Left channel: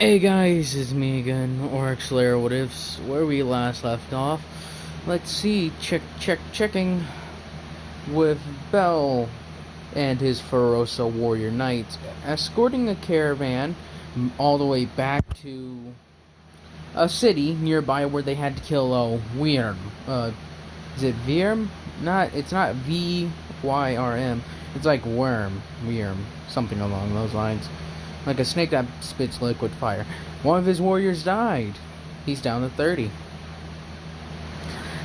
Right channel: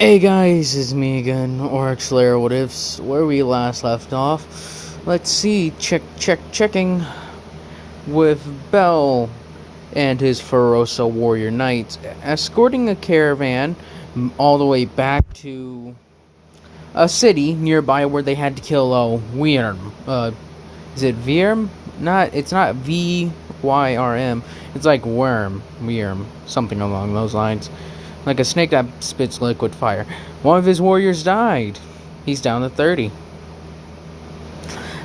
Hey guys, it's me again, or Solaire, what ifs, where we last left off. Let's see, checking with Bell and his Ferosa warrior knights, escorting a caravan all the way back to a city nearby where they had to kill Wyrm. Is it Vyrm? It's not Vyrm. It's like Wyrm, something along those lines. Like a snake that spits liquid fire. One of his warriors died. He's down to 30.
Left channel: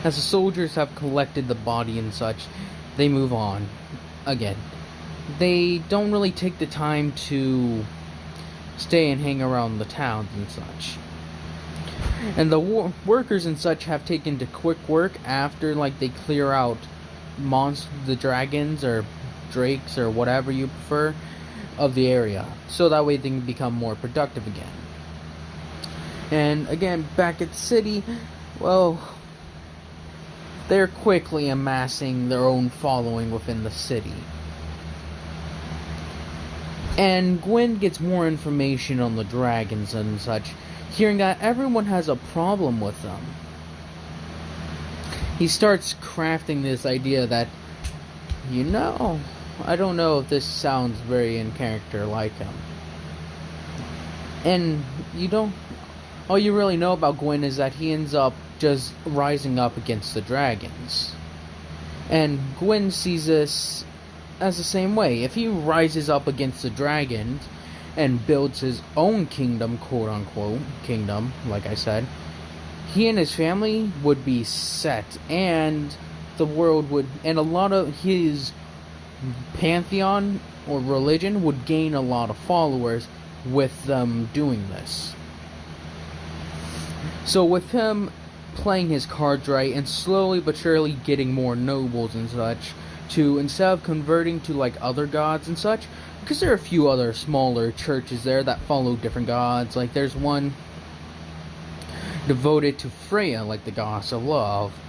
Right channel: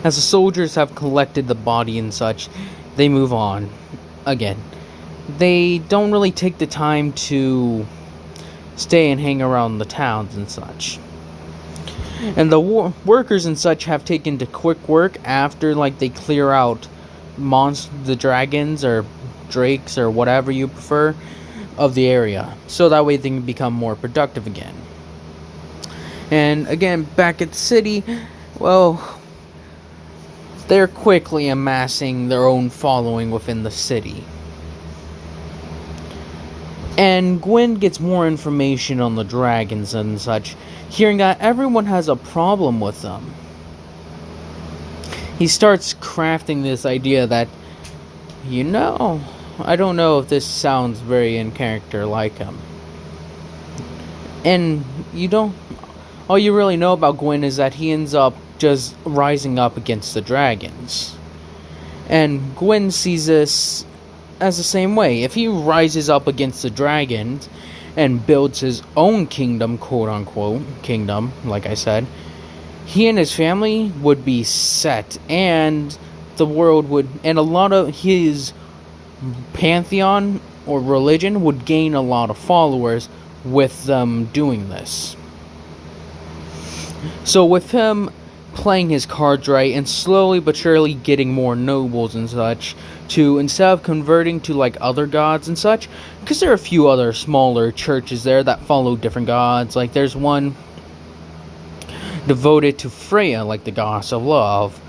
As the soldiers have collected the body and such, they move on. Again, they don't really take the time to stay and hang around the towns and such. And the workers and such have taken to quick work after, like, they clear out the dragons or drakes or whatever you prefer of the area, so that way they can become more productive again. And again, back at the city, well, they're quickly amassing their own following within the city. And Gwyn gets more information on the dragons and such, hearing that everyone has a problem with them. He starts crafting this idea that, I don't know if this sounds very in character like him. And all you really know about Gwyn is that he ends up just rising up against the dragons. And Gwyn sees this as the same way. If he rises up against the dragons and builds his own kingdom, quote-unquote kingdom, like I said, he and his family would be set, and the world would, and a lot of his pantheon or religion would gain a lot of followers with them doing this. So with him playing his cards right and slowly but surely getting more nobles and such, to instead of converting to like other gods and such, because there are a few other smaller churches there that follow different gods. Like there's one devoted to Freya, like the goddess of love,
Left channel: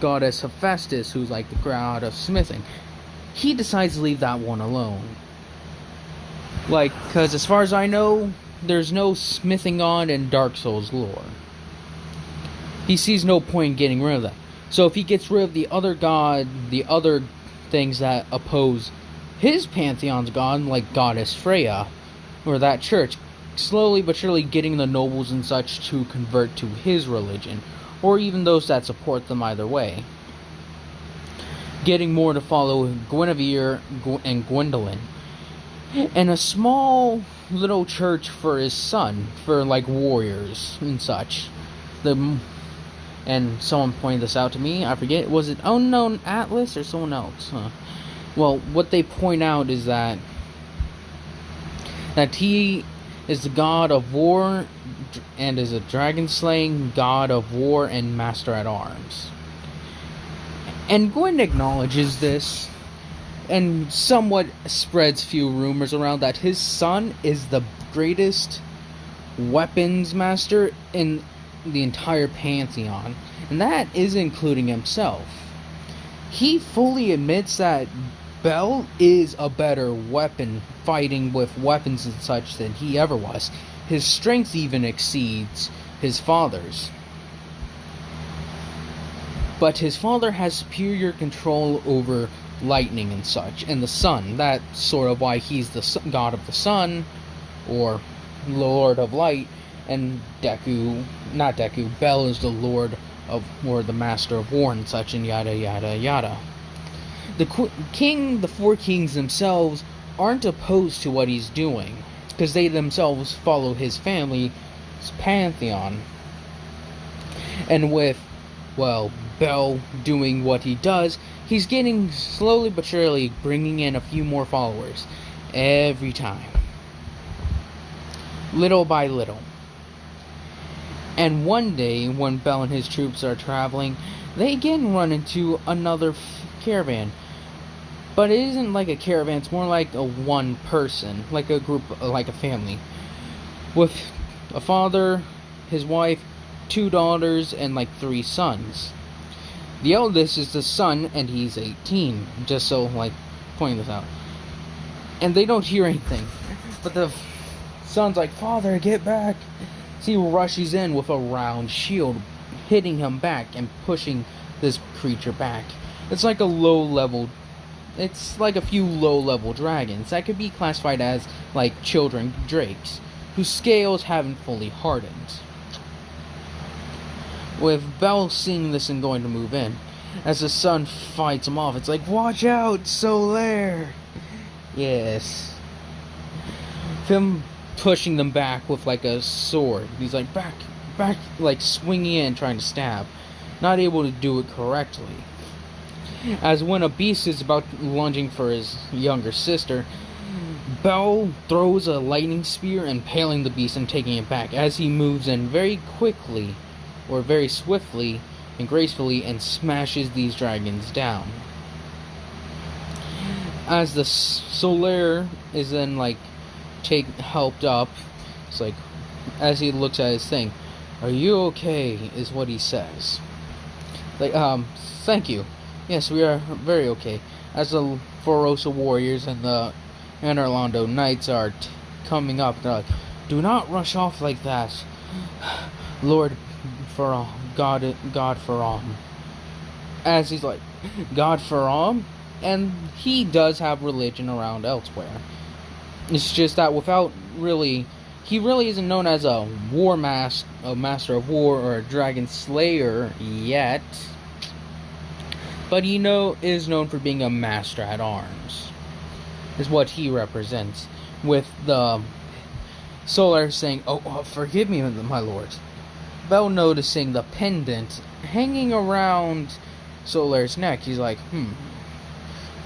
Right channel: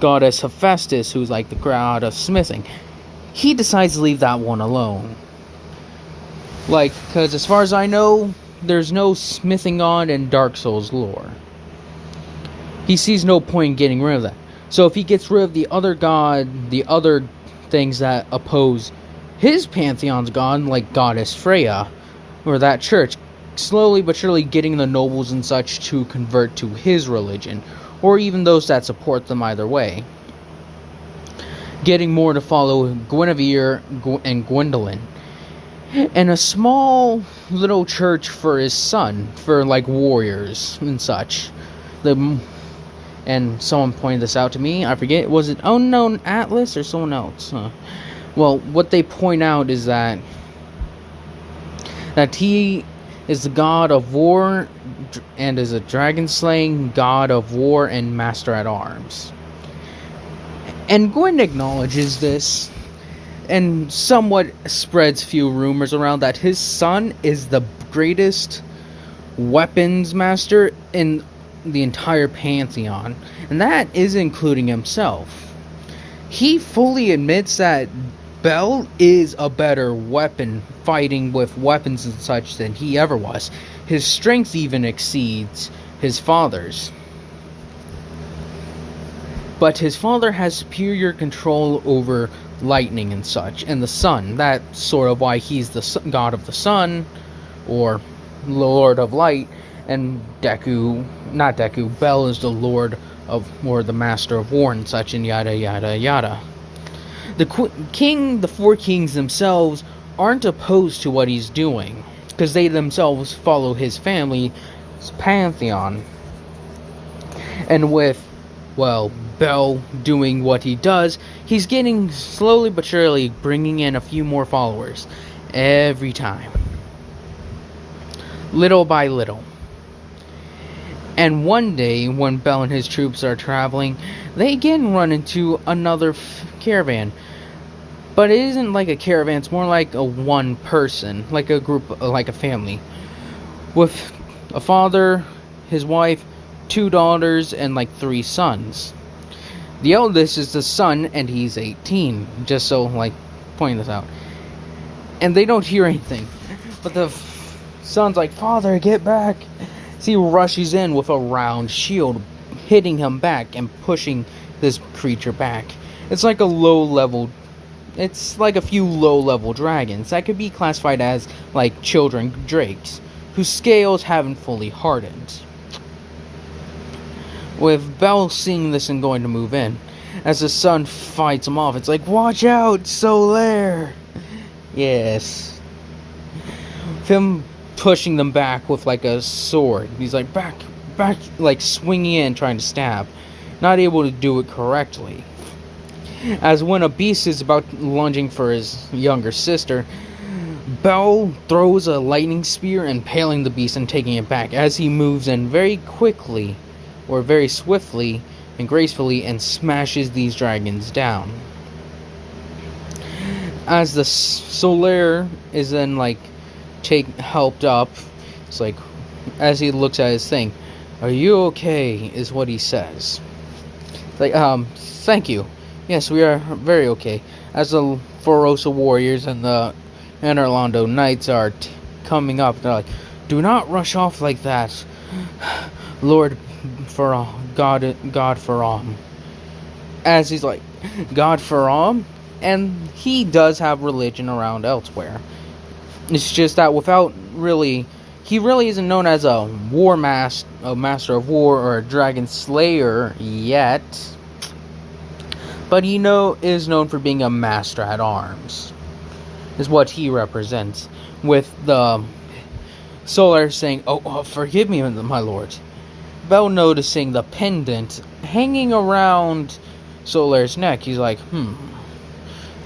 goddess Hephaestus, who's like the god of smithing. He decides to leave that one alone. Like, because as far as I know, there's no smithing god in Dark Souls lore. He sees no point in getting rid of that. So if he gets rid of the other things that oppose his pantheon's god, like goddess Freya, or that church, slowly but surely getting the nobles and such to convert to his religion, or even those that support them either way. Getting more to follow Guinevere and Gwendolyn. And a small little church for his son, for like warriors and such. And someone pointed this out to me, I forget, was it Unknown Atlas or someone else? Well, what they point out is that he is the god of war and is a dragon-slaying god of war and master at arms. And Gwyn acknowledges this and somewhat spreads few rumors around that his son is the greatest weapons master in the entire pantheon, and that is including himself. He fully admits that Bell is a better weapon fighting with weapons and such than he ever was. His strength even exceeds his father's. But his father has superior control over lightning and such, and the sun. That's sort of why he's the god of the sun, or lord of light, and Bell is the lord of, or the master of war and such, and yada yada yada. The four kings themselves aren't opposed to what he's doing, because they themselves follow his family's pantheon. And with, well, Bell doing what he does, he's getting slowly but surely bringing in a few more followers every time. Little by little. And one day, when Bell and his troops are traveling, they again run into another caravan. But it isn't like a caravan, it's more like a one person, like a group, like a family. With a father, his wife, 2 daughters, and like 3 sons. The eldest is the son, and he's 18, just so, like, pointing this out. And they don't hear anything. But the son's like, "Father, get back!" So he rushes in with a round shield, hitting him back and pushing this creature back. It's like a few low-level dragons that could be classified as like children drakes, whose scales haven't fully hardened. With Belle seeing this and going to move in, as the son fights him off, it's like, "Watch out, Solaire!" Yes. Him pushing them back with like a sword. He's like, back, like swinging in, trying to stab. Not able to do it correctly. As when a beast is about lunging for his younger sister, Belle throws a lightning spear, impaling the beast and taking it back as he moves in very quickly, or very swiftly and gracefully, and smashes these dragons down. As the Solaire is then like helped up, it's like, as he looks at his thing, "Are you okay?" is what he says. Like, "Thank you. Yes, we are very okay." As the Forosa warriors and the Anorlando knights are coming up, they're like, "Do not rush off like that, Lord God for all." As he's like, "God for all?" And he does have religion around elsewhere. It's just that he really isn't known as a master of war, or a dragon slayer yet. But he is known for being a master at arms, is what he represents. With the Solaire saying, "Oh, forgive me, my lord." Belle noticing the pendant hanging around Solaire's neck, he's like,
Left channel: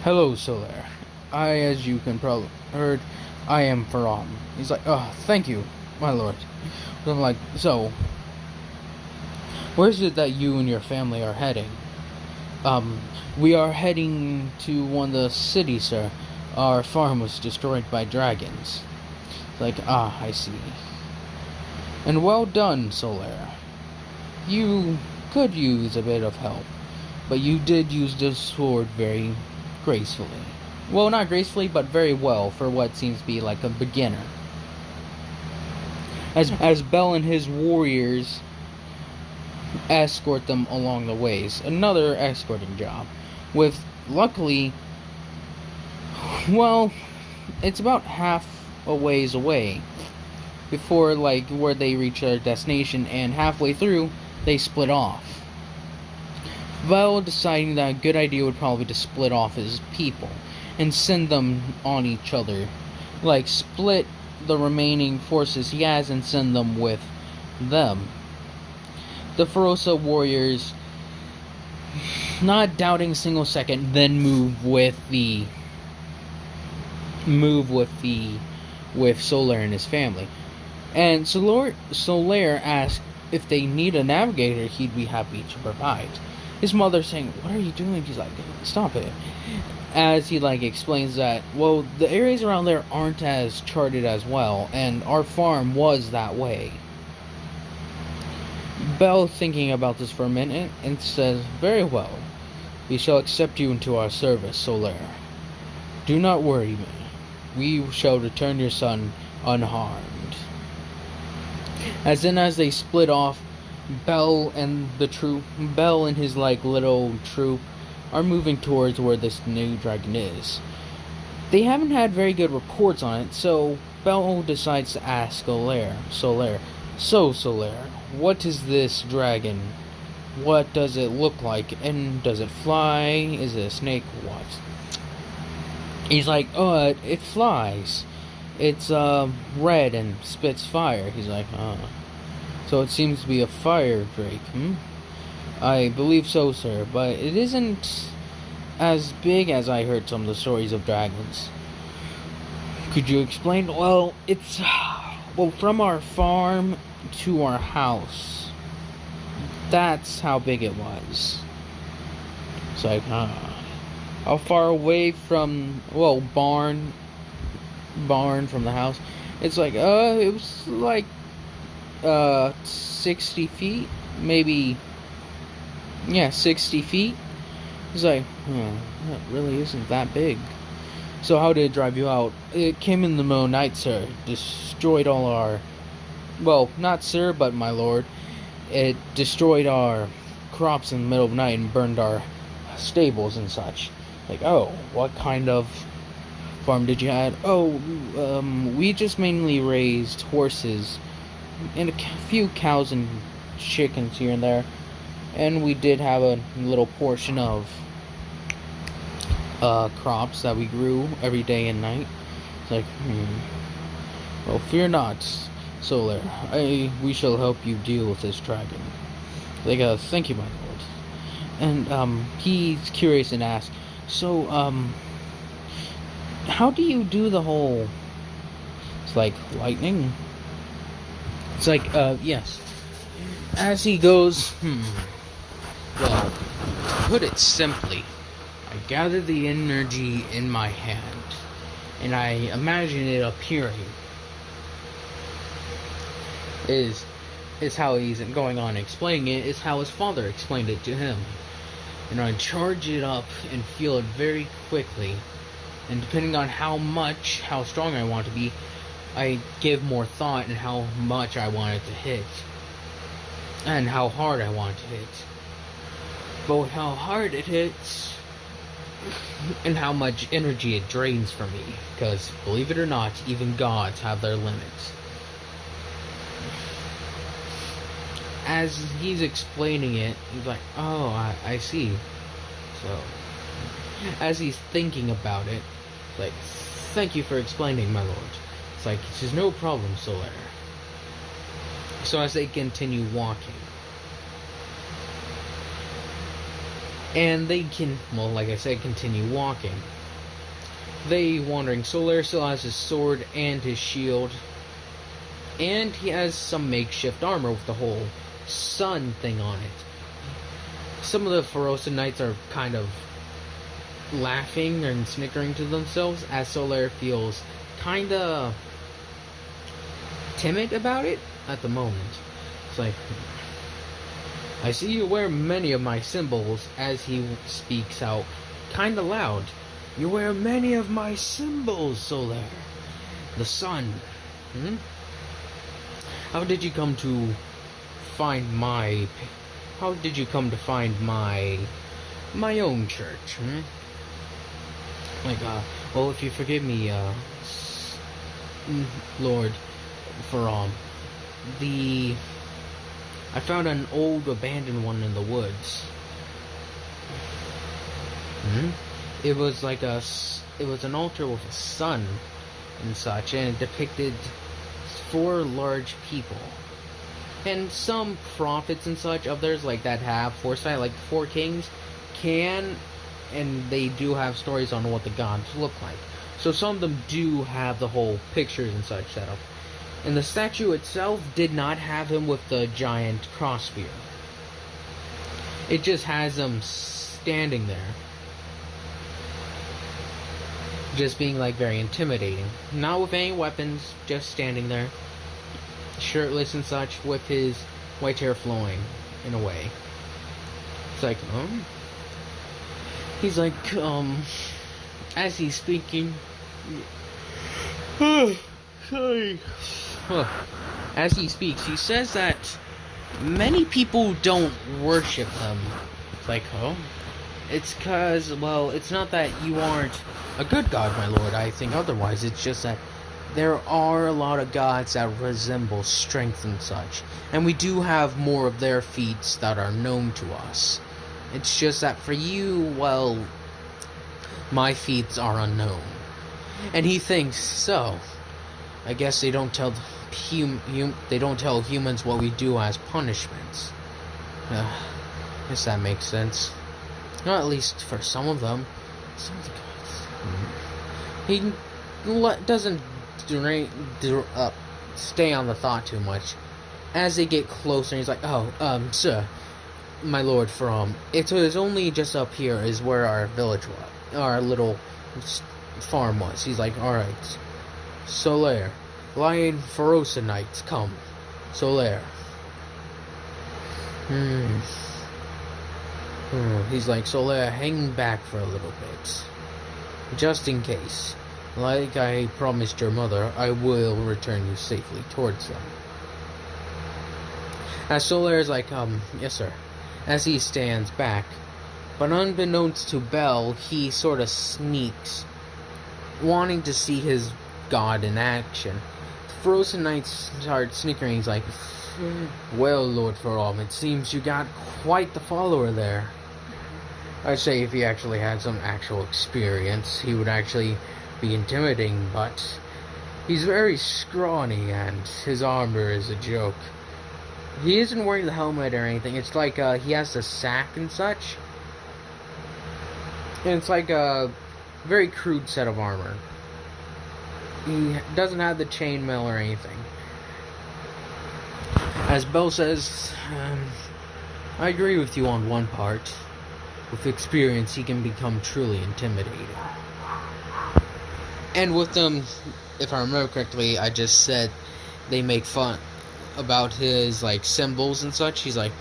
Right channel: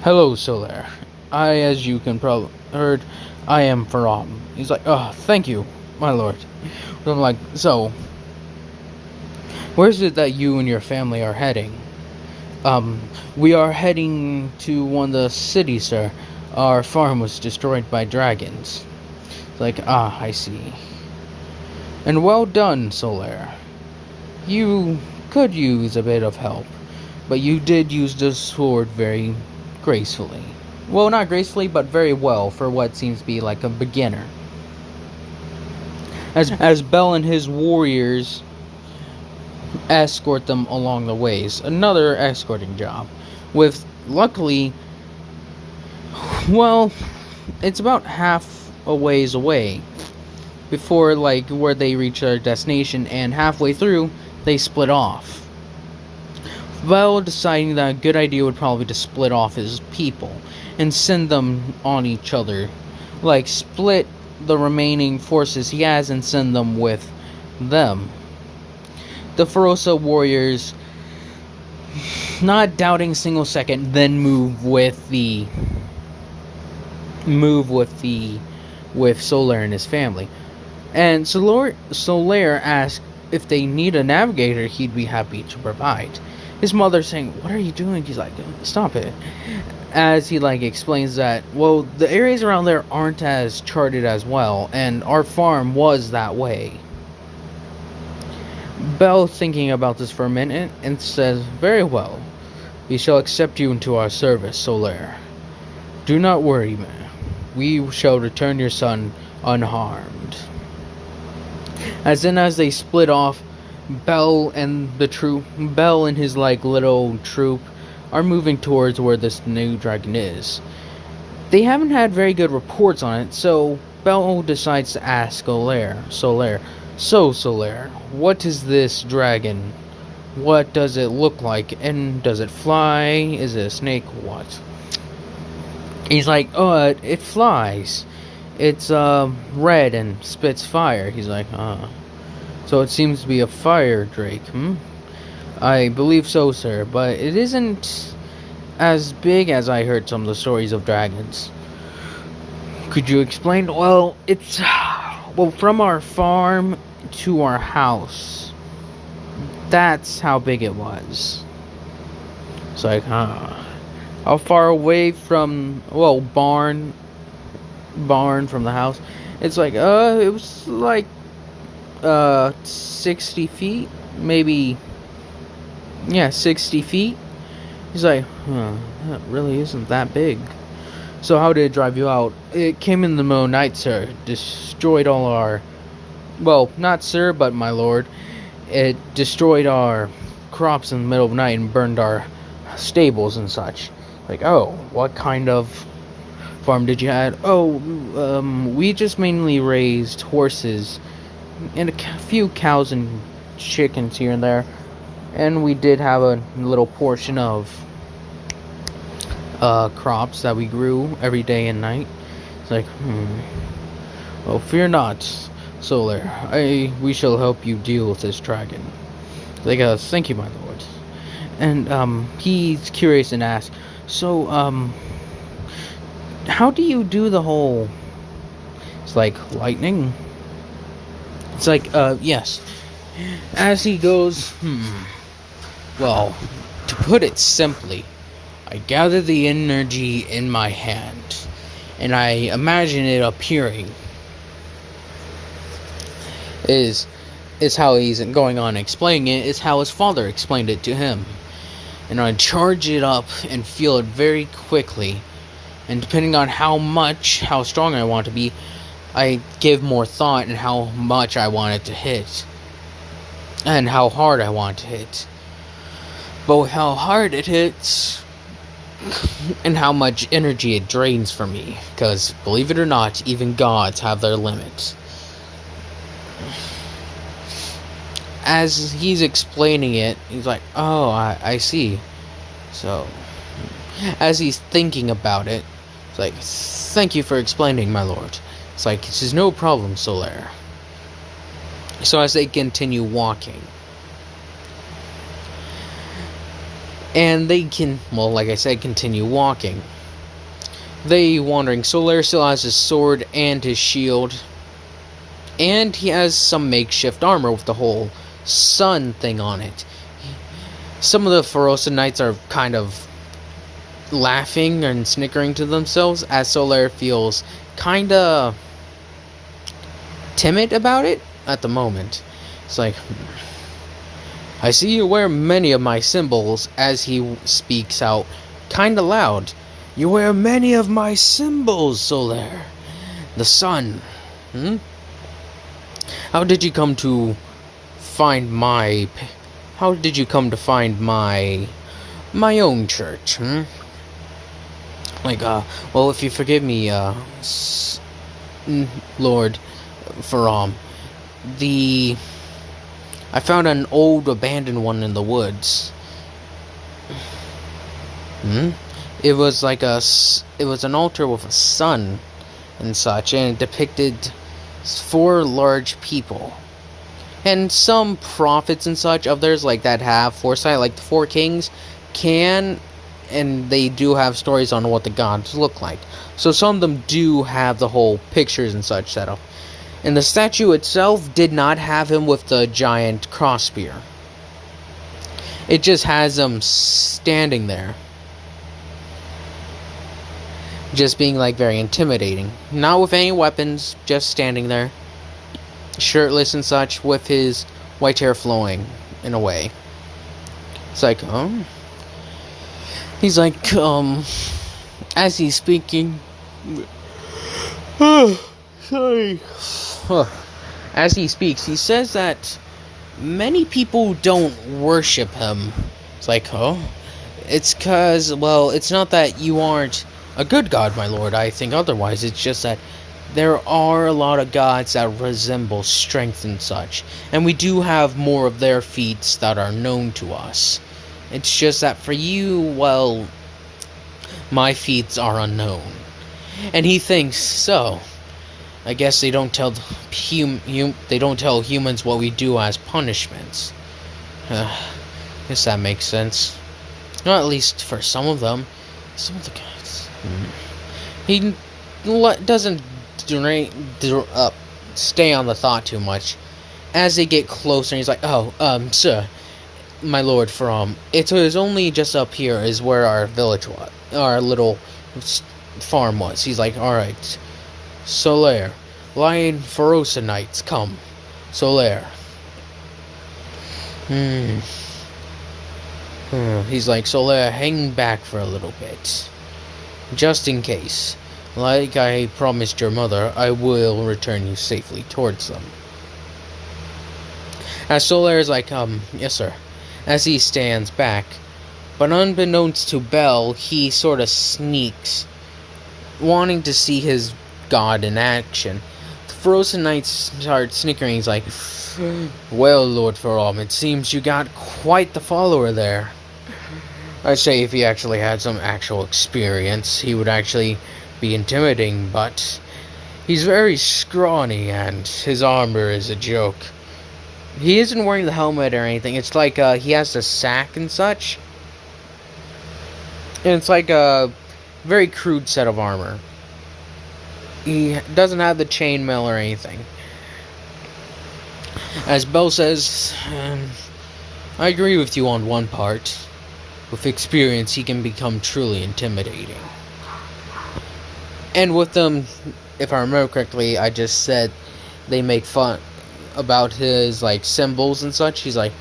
"Hello, Solaire. As you can probably heard, I am Faram." He's like, "Oh, thank you, my lord." I'm like, "So, where's it that you and your family are heading?" "We are heading to one of the cities, sir. Our farm was destroyed by dragons." Like, I see. "And well done, Solaire. You could use a bit of help, but you did use the sword very gracefully. Well, not gracefully, but very well for what seems to be like a beginner." As Belle and his warriors escort them along the ways. Another escorting job. Luckily, well, it's about half a ways away before like where they reach their destination, and halfway through they split off. Belle deciding that a good idea would probably be to split off his people and send them on each other. Like, split the remaining forces he has and send them with them. The Forosa warriors, not doubting a single second, then move with Solaire and his family. And Solaire asks if they need a navigator, he'd be happy to provide. His mother saying, "What are you doing?" He's like, "Stop it." As he explains that, well, the areas around there aren't as charted as well, and our farm was that way. Belle thinking about this for a minute and says, "Very well. We shall accept you into our service, Solaire. Do not worry, man. We shall return your son unharmed." As they split off, Belle and his little troop are moving towards where this new dragon is. They haven't had very good reports on it, so Belle decides to ask Solaire, "So, Solaire, what is this dragon? What does it look like? And does it fly? Is it a snake? What?" He's like, "Oh, it flies. It's red and spits fire." He's like, "So it seems to be a fire drake, "I believe so, sir, but it isn't as big as I heard some of the stories of dragons." "Could you explain?" "Well, it's from our farm to our house. That's how big it was." It's like, how far away from, barn from the house? It's like, it was like 60 feet, maybe. Yeah, 60 feet. He's like, that really isn't that big. So how did it drive you out? It came in the middle of the night, sir. Destroyed all our... Well, not sir, but my lord. It destroyed our crops in the middle of the night and burned our stables and such. Like, oh, what kind of farm did you have? Oh, we just mainly raised horses and a few cows and chickens here and there. And we did have a little portion of crops that we grew every day and night. It's like, well, fear not, Solaire. We shall help you deal with this dragon. Like, thank you, my lord. And, he's curious and asks, so, how do you do the whole... It's like, lightning? It's like, yes. As he goes, well, to put it simply, I gather the energy in my hand, and I imagine it appearing. Is how he's going on explaining it, is how his father explained it to him. And I charge it up and feel it very quickly. And depending on how strong I want to be, I give more thought in how much I want it to hit. And how hard I want to hit. But how hard it hits, and how much energy it drains from me. Because, believe it or not, even gods have their limits. As he's explaining it, he's like, oh, I see. So, as he's thinking about it, it's like, thank you for explaining, my lord. It's like, this is no problem, Solaire. So as they continue walking, and they can, well, like I said, continue walking. They wandering. Solaire still has his sword and his shield. And he has some makeshift armor with the whole sun thing on it. Some of the Ferosa knights are kind of laughing and snickering to themselves as Solaire feels kinda timid about it at the moment. It's like, I see you wear many of my symbols, as he speaks out kinda loud. You wear many of my symbols, Solaire. The sun. How did you come to find my... How did you come to find my own church, Like, well, if you forgive me, Lord Faram, I found an old abandoned one in the woods. It was like it was an altar with a sun and such, and it depicted 4 large people. And some prophets and such of theirs, like that have foresight, like the 4 kings, and they do have stories on what the gods look like. So some of them do have the whole pictures and such set up. And the statue itself did not have him with the giant cross spear. It just has him standing there. Just being like very intimidating. Not with any weapons, just standing there. Shirtless and such, with his white hair flowing in a way. It's like, he's like, as he's speaking, sorry. As he speaks, he says that many people don't worship him. It's like, it's cause, well, it's not that you aren't a good god, my lord. I think otherwise. It's just that there are a lot of gods that resemble strength and such, and we do have more of their feats that are known to us. It's just that for you, well, my feats are unknown. And he thinks, so, I guess they don't tell humans what we do as punishments. Guess that makes sense. Not at least for some of them. Some of the gods. He doesn't stay on the thought too much. As they get closer, he's like, sir, my lord, it was only just up here is where our village was, our little farm was. He's like, alright, Solaire, Lion Ferosa Knights, come. Solaire. He's like, Solaire, hang back for a little bit. just in case. Like I promised your mother, I will return you safely towards them. As Solaire is like, yes sir, as he stands back. But unbeknownst to Bell, he sort of sneaks, wanting to see his god in action. The frozen knight starts snickering. He's like, well, Lord Faram, it seems you got quite the follower there. I'd say if he actually had some actual experience, he would actually be intimidating, but he's very scrawny and his armor is a joke. He isn't wearing the helmet or anything. It's like he has the sack and such. And it's like a very crude set of armor. He doesn't have the chainmail or anything. As Bell says, I agree with you on one part. With experience, he can become truly intimidating. And with them, if I remember correctly, I just said they make fun about his like symbols and such. He's like,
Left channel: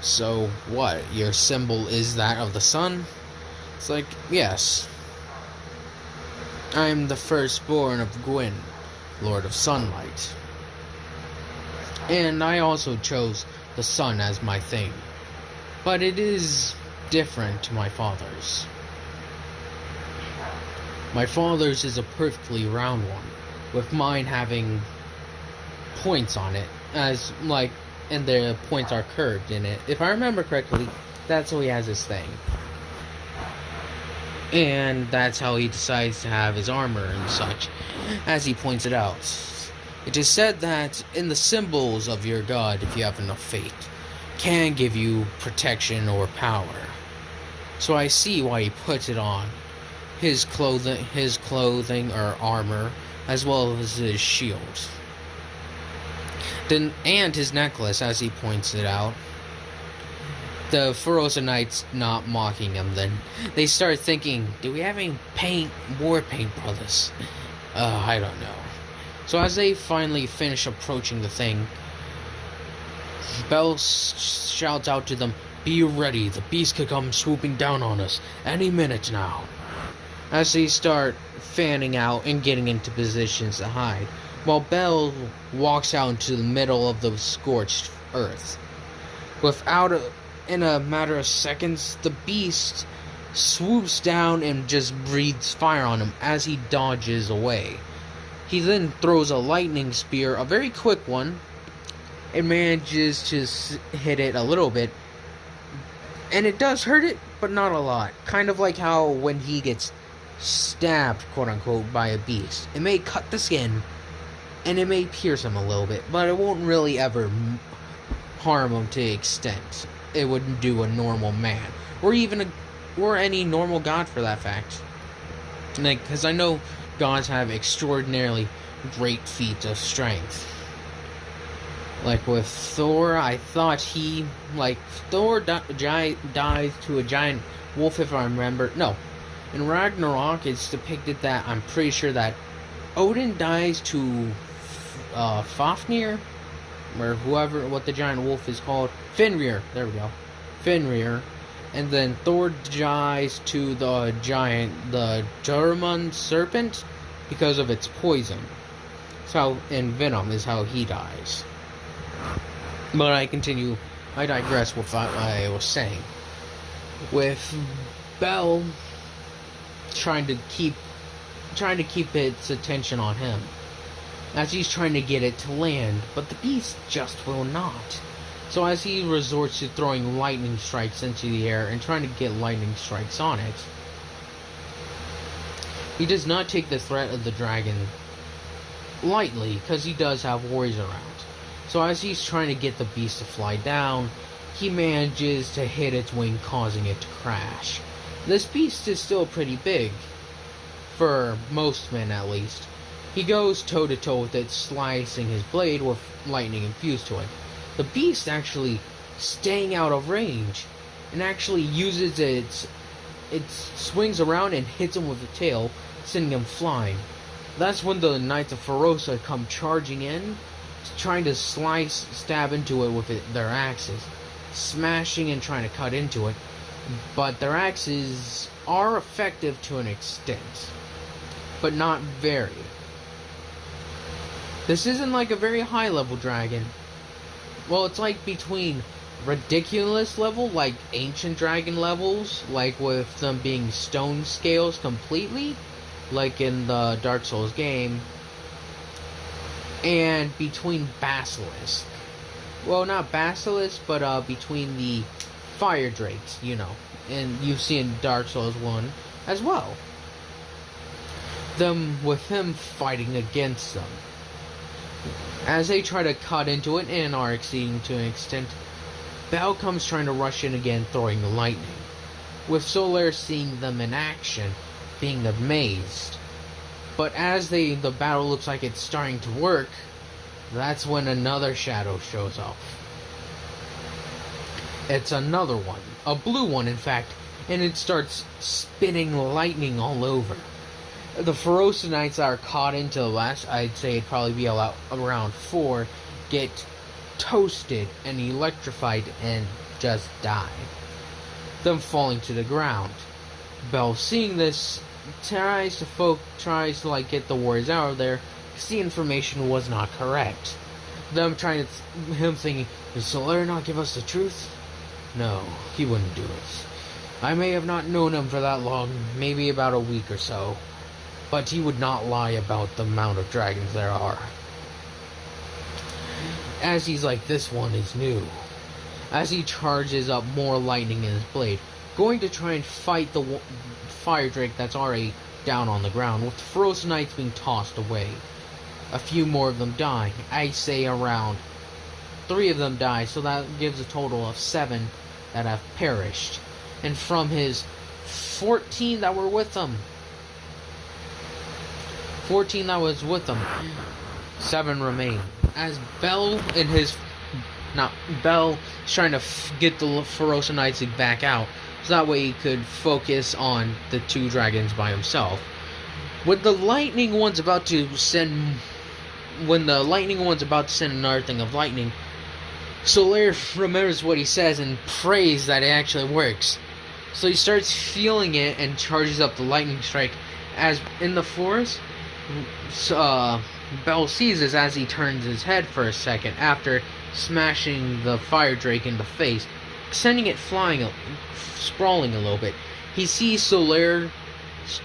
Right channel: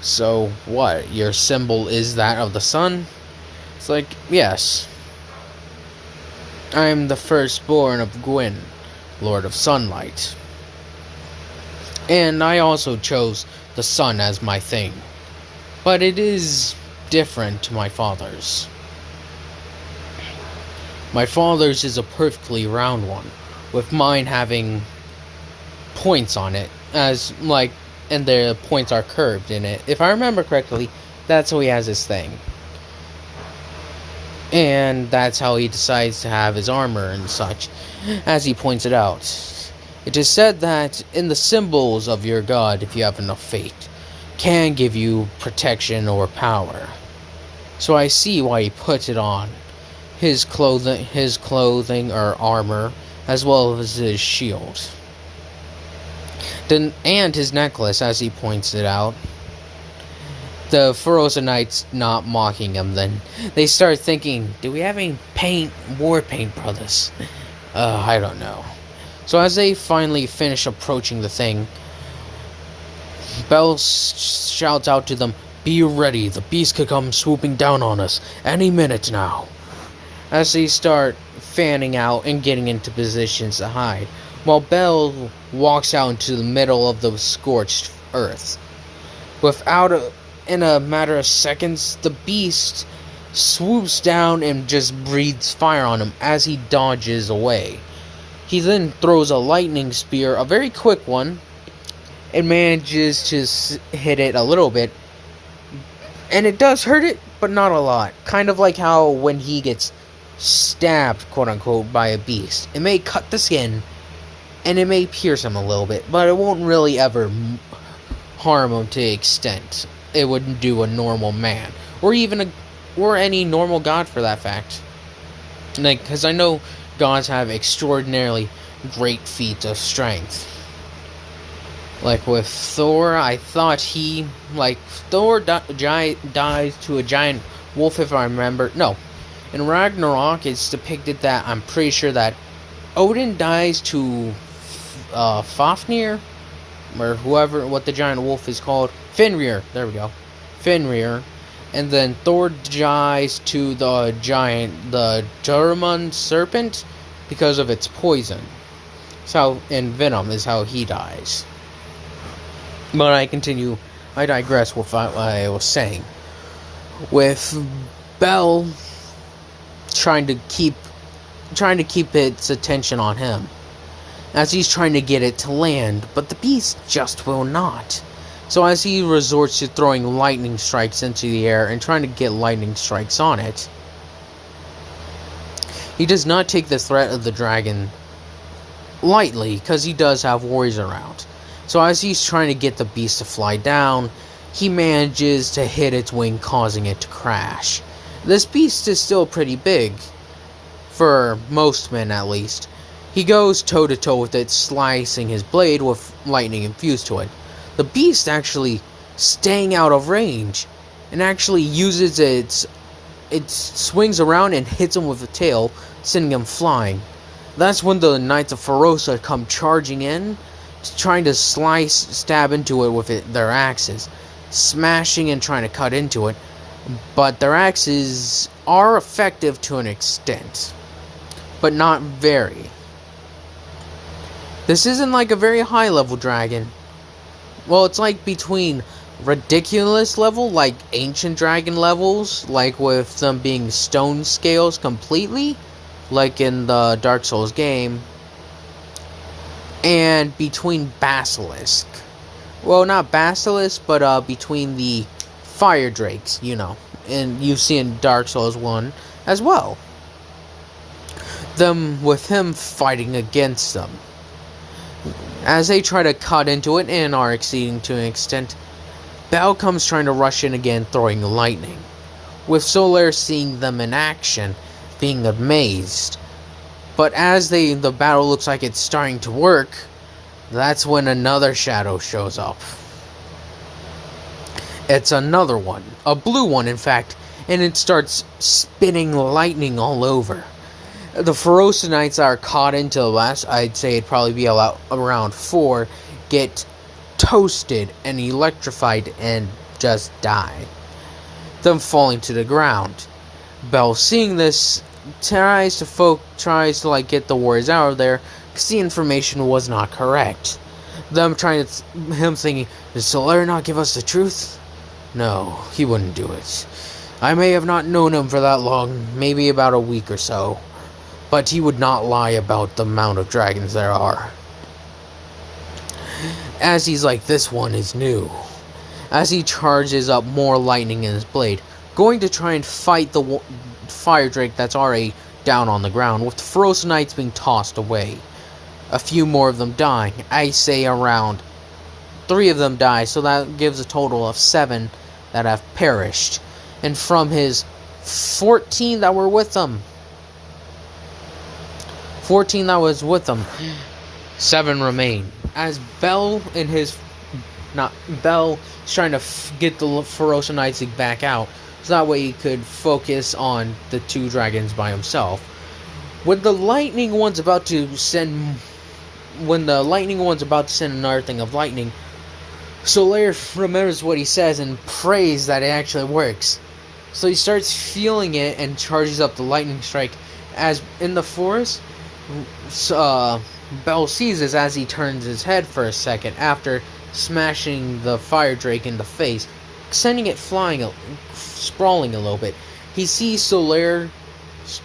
so what? Your symbol is that of the sun? It's like, yes. I am the firstborn of Gwyn, Lord of Sunlight. And I also chose the sun as my thing. But it is different to my father's. My father's is a perfectly round one, with mine having points on it, as like, and the points are curved in it. If I remember correctly, that's how he has his thing. And that's how he decides to have his armor and such, as he points it out. It is said that in the symbols of your god, if you have enough faith, can give you protection or power. So I see why he puts it on his clothing or armor, as well as his shield. And his necklace, as he points it out. The Feroza Knights not mocking him then. They start thinking, do we have any war paint, brothers? I don't know. So as they finally finish approaching the thing, Bell shouts out to them, be ready, the beast could come swooping down on us any minute now. As they start fanning out and getting into positions to hide, while Bell walks out into the middle of the scorched earth. In a matter of seconds, the beast swoops down and just breathes fire on him as he dodges away. He then throws a lightning spear, a very quick one, and manages to hit it a little bit. And it does hurt it, but not a lot. Kind of like how when he gets stabbed, quote-unquote, by a beast. It may cut the skin, and it may pierce him a little bit, but it won't really ever harm him to the extent it would do a normal man. Or even or any normal god for that fact. Like, because I know gods have extraordinarily great feats of strength. Like with Thor, I thought Thor dies to a giant wolf, if I remember. No, in Ragnarok, it's depicted that I'm pretty sure that Odin dies to Fafnir, or what the giant wolf is called. Fenrir, there we go. Fenrir. And then Thor dies to the German serpent because of its poison. And venom is how he dies. But I digress with what I was saying. With Bell trying to keep its attention on him, as he's trying to get it to land, but the beast just will not. So as he resorts to throwing lightning strikes into the air and trying to get lightning strikes on it, he does not take the threat of the dragon lightly, because he does have warriors around. So as he's trying to get the beast to fly down, he manages to hit its wing, causing it to crash. This beast is still pretty big, for most men at least. He goes toe-to-toe with it, slicing his blade with lightning infused to it. The beast actually staying out of range, and actually uses it swings around and hits him with the tail, sending him flying. That's when the Knights of Feroza come charging in, trying to stab into it with their axes, smashing and trying to cut into it, but their axes are effective to an extent, but not very. This isn't like a very high level dragon. Well, it's like between ridiculous level, like ancient dragon levels, like with them being stone scales completely, like in the Dark Souls game, and between basilisk. Well, not basilisk, but between the fire drakes, you know, and you see in Dark Souls 1 as well. Them with him fighting against them. As they try to cut into it and are exceeding to an extent, Bell comes trying to rush in again, throwing lightning. With Solaire seeing them in action, being amazed. But as the battle looks like it's starting to work, that's when another shadow shows up. It's another one, a blue one in fact, and it starts spitting lightning all over. The Ferocinites are caught into the last, I'd say it'd probably be around 4, get toasted and electrified and just die. Them falling to the ground. Bell, seeing this, tries to like get the warriors out of there because the information was not correct. Them him thinking, did Solaire not give us the truth? No, he wouldn't do it. I may have not known him for that long, maybe about a week or so, but he would not lie about the amount of dragons there are. As he's like, this one is new. As he charges up more lightning in his blade, going to try and fight the fire drake that's already down on the ground, with the Ferocinites being tossed away. A few more of them dying. I say around 3 of them die, so that gives a total of 7 that have perished. And from his 14 that were with them, 14 that was with them, 7 remain. As Bell is trying to get the Ferocinites back out, so that way he could focus on the 2 dragons by himself. When the lightning one's about to send another thing of lightning, Solaire remembers what he says and prays that it actually works. So he starts feeling it and charges up the lightning strike. As in the forest, Bell sees this as he turns his head for a second after smashing the fire drake in the face, sending it flying, sprawling a little bit. He sees Solaire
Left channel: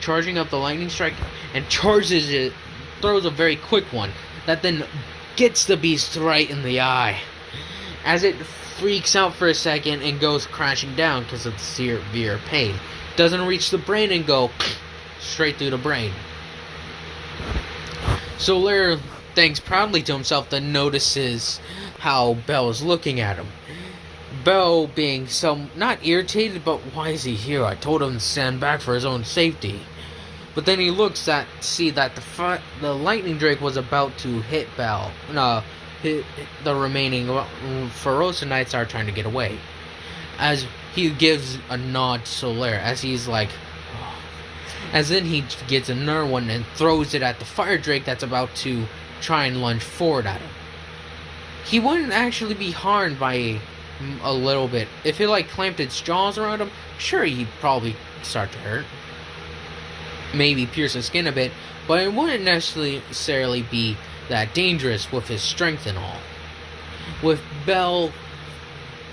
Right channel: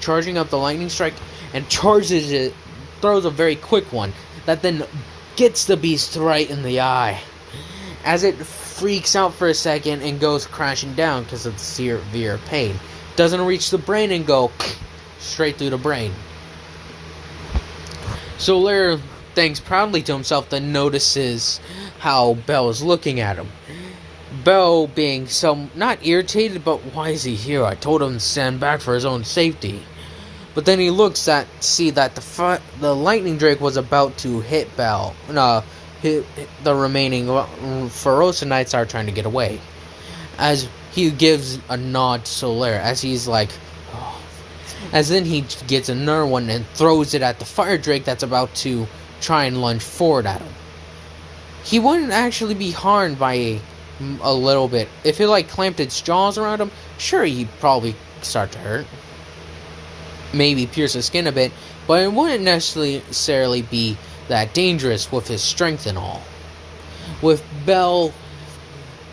charging up the lightning strike and charges it, throws a very quick one that then gets the beast right in the eye. As it freaks out for a second and goes crashing down because of severe pain. Doesn't reach the brain and go straight through the brain. Solaire thanks proudly to himself, then notices how Bell is looking at him. Bell being so, not irritated, but why is he here? I told him to stand back for his own safety. But then he looks at, see that the lightning drake was about to hit Bell. Hit the remaining Ferocinites are trying to get away. As he gives a nod to Solaire, as he's like, as then he gets another one and throws it at the fire drake that's about to try and lunge forward at him. He wouldn't actually be harmed by a little bit. If it like clamped its jaws around him, sure, he'd probably start to hurt. Maybe pierce his skin a bit, but it wouldn't necessarily be that dangerous with his strength and all. With Bell,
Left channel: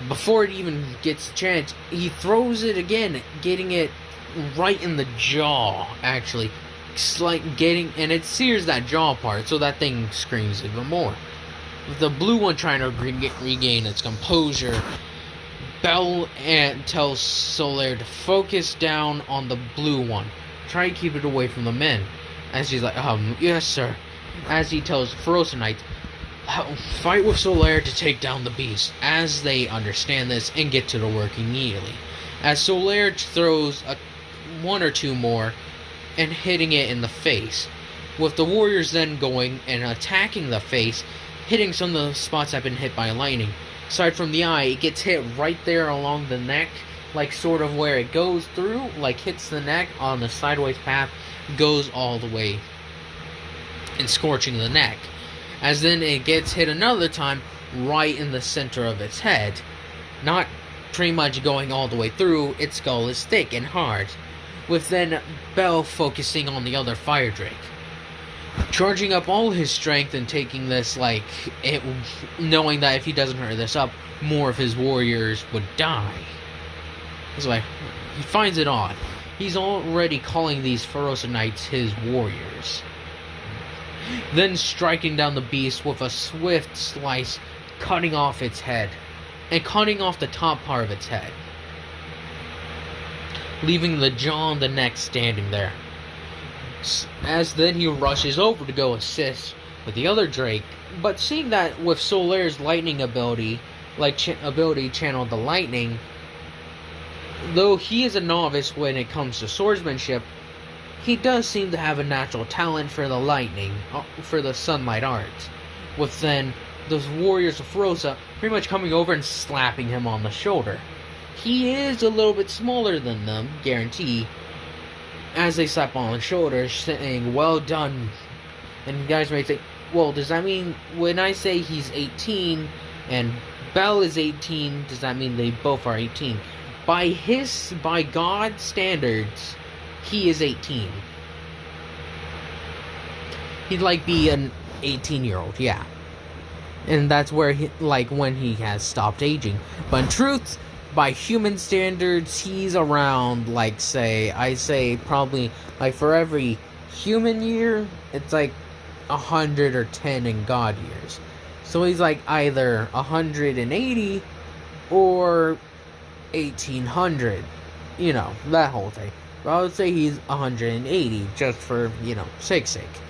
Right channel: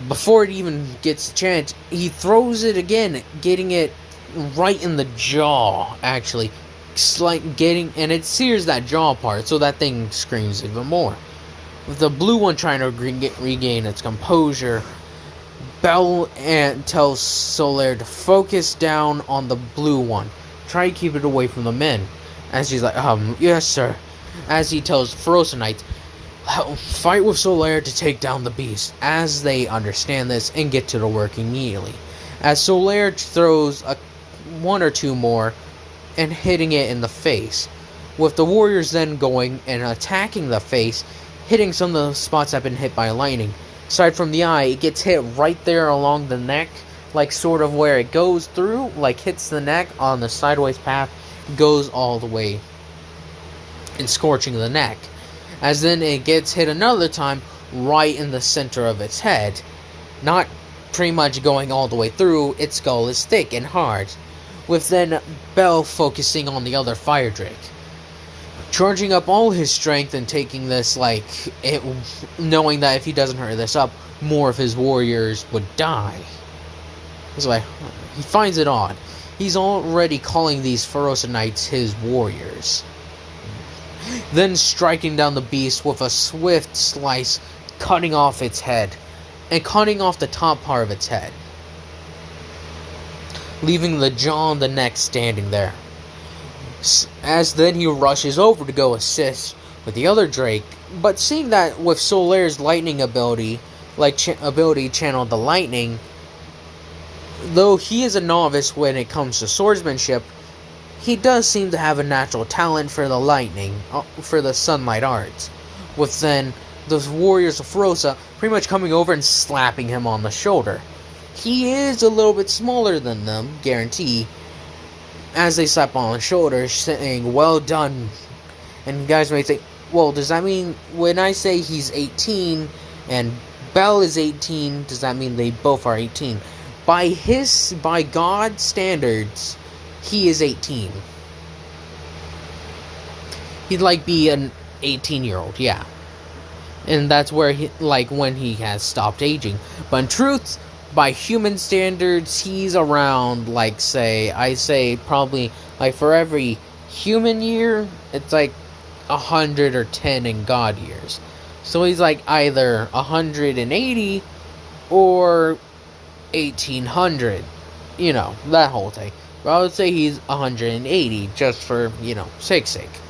before it even gets a chance, he throws it again, getting it right in the jaw, actually. And it sears that jaw part, so that thing screams even more. With the blue one trying to regain its composure, Bell tells Solaire to focus down on the blue one. Try to keep it away from the men. As he's like, yes sir. As he tells Ferocinites, fight with Solaire to take down the beast. As they understand this and get to the work immediately. As Solaire throws 1 or 2 more and hitting it in the face. With the warriors then going and attacking the face, hitting some of the spots that have been hit by lightning. Aside from the eye, it gets hit right there along the neck, like sort of where it goes through, like hits the neck on the sideways path, goes all the way and scorching the neck. As then it gets hit another time right in the center of its head, not pretty much going all the way through. Its skull is thick and hard. with then Bell focusing on the other fire drake, charging up all his strength and taking this, knowing that if he doesn't hurry this up, more of his warriors would die. It's like, he finds it odd. He's already calling these Ferosa Knights his warriors. Then striking down the beast with a swift slice, cutting off its head, and cutting off the top part of its head, leaving the jaw and the neck standing there. As then he rushes over to go assist with the other drake, but seeing that with Solaire's lightning ability, channeled the lightning, though he is a novice when it comes to swordsmanship, he does seem to have a natural talent for the lightning, for the sunlight arts, with then those warriors of Ferosa pretty much coming over and slapping him on the shoulder. He is a little bit smaller than them, guarantee, as they slap on the shoulder, saying, "Well done." And you guys may think, well, does that mean when I say he's 18 and Bell is 18, does that mean they both are 18? By God's standards, he is 18. He'd be an 18-year-old, yeah. And that's where when he has stopped aging. But in truth, by human standards, he's around, I say probably, for every human year, it's 110 in God years. So he's either 180 or 1800, that whole thing. But I would say he's 180, just for, sake.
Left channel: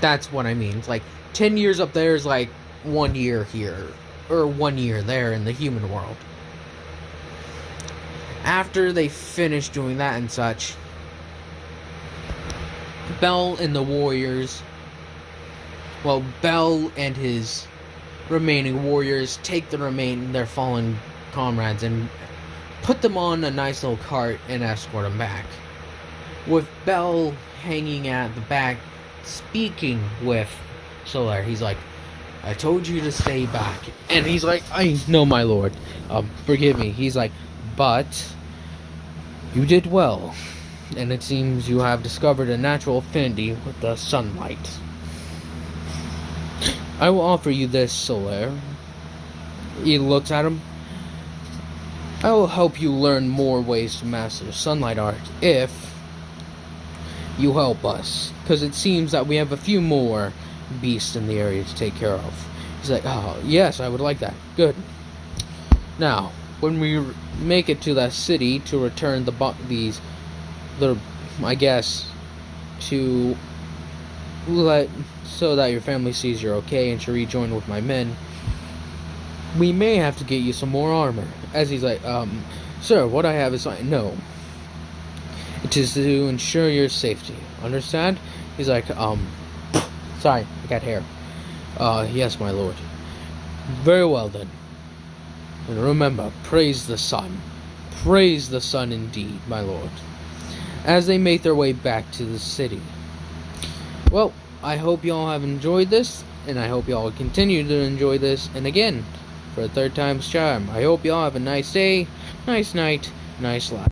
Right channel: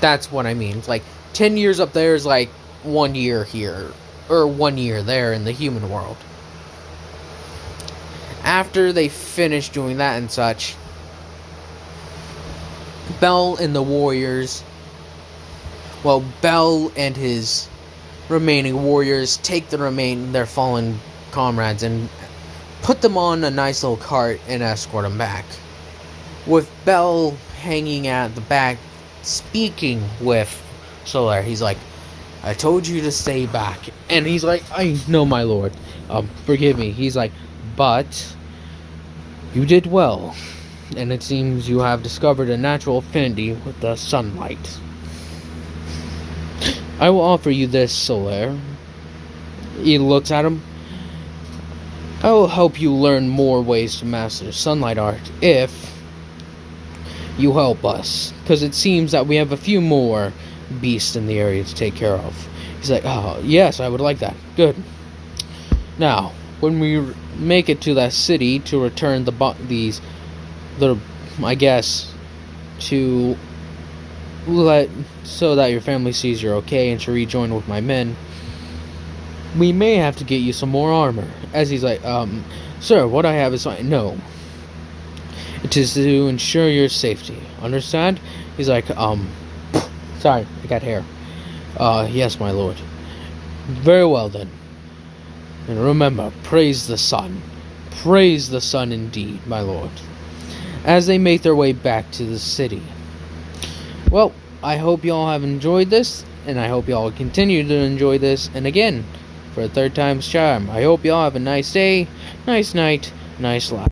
That's what I mean. It's 10 years up there is 1 year here, or 1 year there in the human world. After they finish doing that and such, Bell and the warriors, Bell and his remaining warriors take their fallen comrades and put them on a nice little cart and escort them back, with Bell hanging at the back speaking with Solaire. He's like, "I told you to stay back." And he's like, "I know, my lord. Forgive me." He's like, "But you did well, and it seems you have discovered a natural affinity with the sunlight. I will offer you this, Solaire." He looks at him. "I will help you learn more ways to master sunlight art if you help us, because it seems that we have a few more beasts in the area to take care of." He's like, "Oh, yes, I would like that. Good. Now, when we make it to that city to return so that your family sees you're okay and to rejoin with my men, we may have to get you some more armor." As he's like, "Sir, what I have is no. It is to ensure your safety. Understand?" He's like, "Sorry, I got hair. Yes, my lord." "Very well then. And remember, praise the sun. Praise the sun indeed, my lord." As they make their way back to the city. Well, I hope y'all have enjoyed this, and I hope y'all continue to enjoy this. And again, for a third time's charm, I hope y'all have a nice day, nice night, nice life.